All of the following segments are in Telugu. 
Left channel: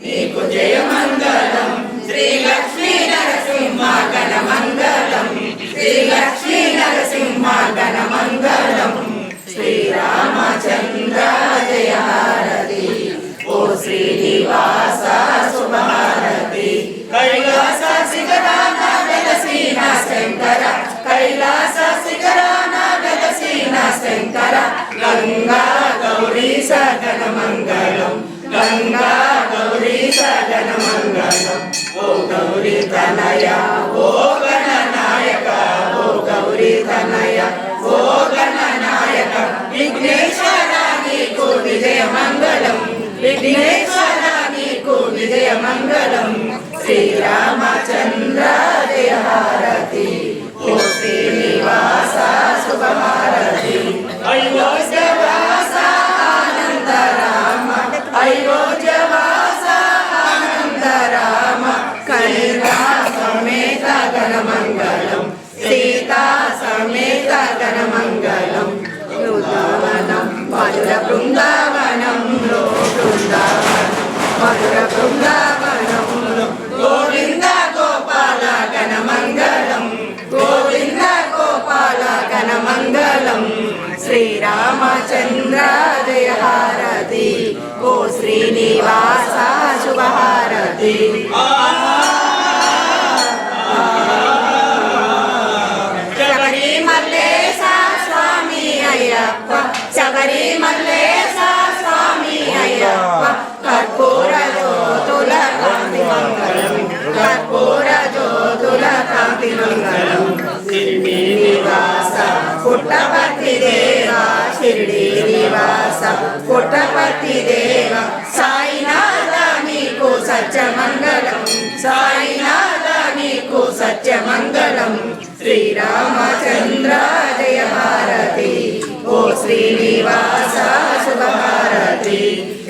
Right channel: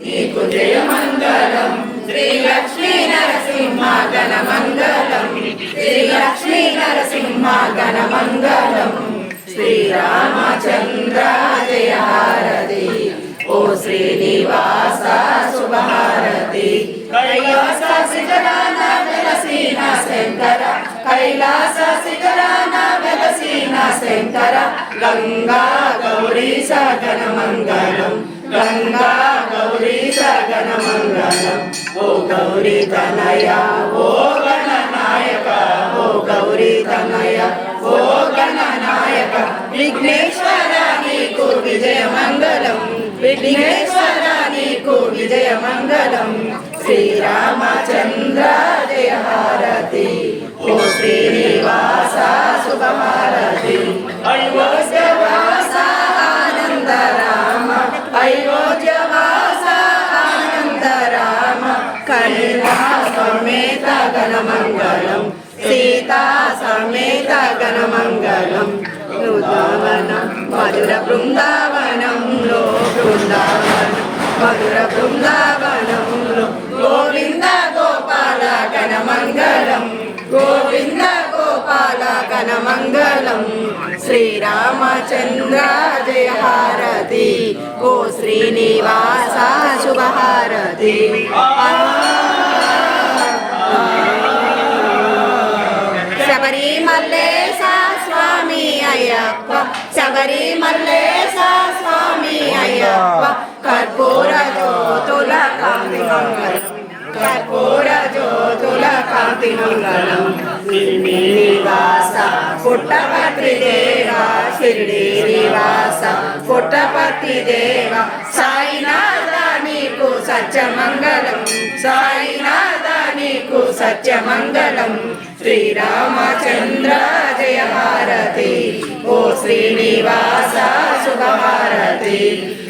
నీకు జయమంగళం శ్రీ లక్ష్మీ నరసింహ గణమంగళం శ్రీ లక్ష్మీ నరసింహ గణమంగళం శ్రీరామచంద్ర జయ హారతి ఓ శ్రీనివాస శుభహారతి కైలాస శిఖరాన వెలసిన శంకర కైలాస శిఖరాన వెలసిన శంకర గంగా గౌరీ గణమంగళం గంగా గౌరీ గణమంగళం ఓ గౌరీ తనయ ఓ గణనాయక ఓ గౌరీ తనయ ఓ గణనాయక విఘ్నేశ్వర నీకు విజయమంగళం విఘ్నేశ్వర నీకు విజయమంగళం శ్రీరామచంద్ర జయ హారతి ఓ శ్రీనివాస శుభహారతి అయోధ్యవాస ఆనంద రామ అయోధ్యవాస ఆనంద రామ కైలా సమేత గణమంగళం సీతా సమేత గణమంగళం బృందావనం మధుర బృందావనంలో బృందావనం మధుర బృందావనంలో గోవింద గోపాల గణమంగళం గోవింద గోపాల గణమంగళం శ్రీరామచంద్ర జయ హారతి ఓ శ్రీనివాస శుభహారతి శబరిమల్లేశ స్వామి అయ్యప్ప శబరిమల్లేశ స్వామి అయ్యప్ప కర్పూర జ్యోతుల కాంతి మంగళం కర్పూర జ్యోతుల కాంతి మంగళం శ్రీనివాస పుట్టపత్రి దేవ శ్రీనివాస పుట్టపత్రి దేవ సాయినాథ నీకు సత్యమంగళం సాయినాథ నీకు సత్యమంగళం శ్రీరామచంద్ర జయ హారతి ఓ శ్రీనివాస శుభహారతి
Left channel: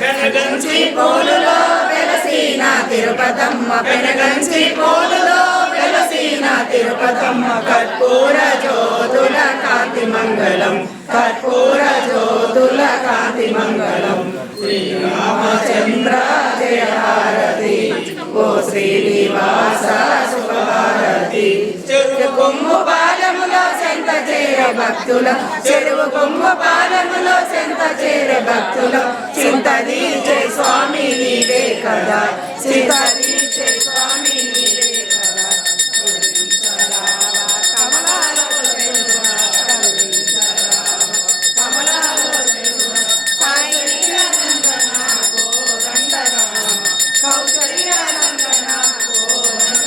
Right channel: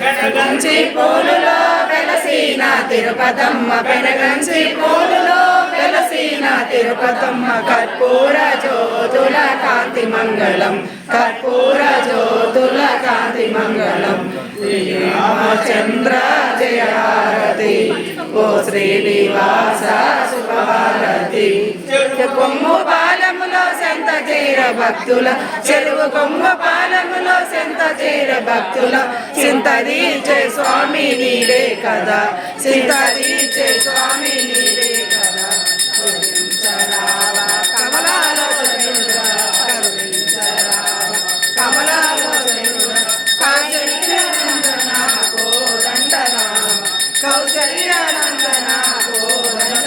పెనగంచి పూలులో వెలసిన తిరుపతమ్మ పెనగంచి పూలులో వెలసిన తిరుపతమ్మ కర్పూర జ్యోతుల కాంతి మంగళం కర్పూర జ్యోతుల కాంతి మంగళం శ్రీరామచంద్ర జయ హారతి ఓ శ్రీనివాస శుభహారతి చెరువు కొమ్ము పాలములో సెంత చేర భక్తుల చెరువు కొమ్ము పాలములో సెంత చేర భక్తుల సింతదీచే స్వామి నీవే కదా సింతదీచే స్వామి నీవే కదా కమలాలో కమలాలో కౌశల్యానందన కోదండరామ కౌశల్యానందన కోదండ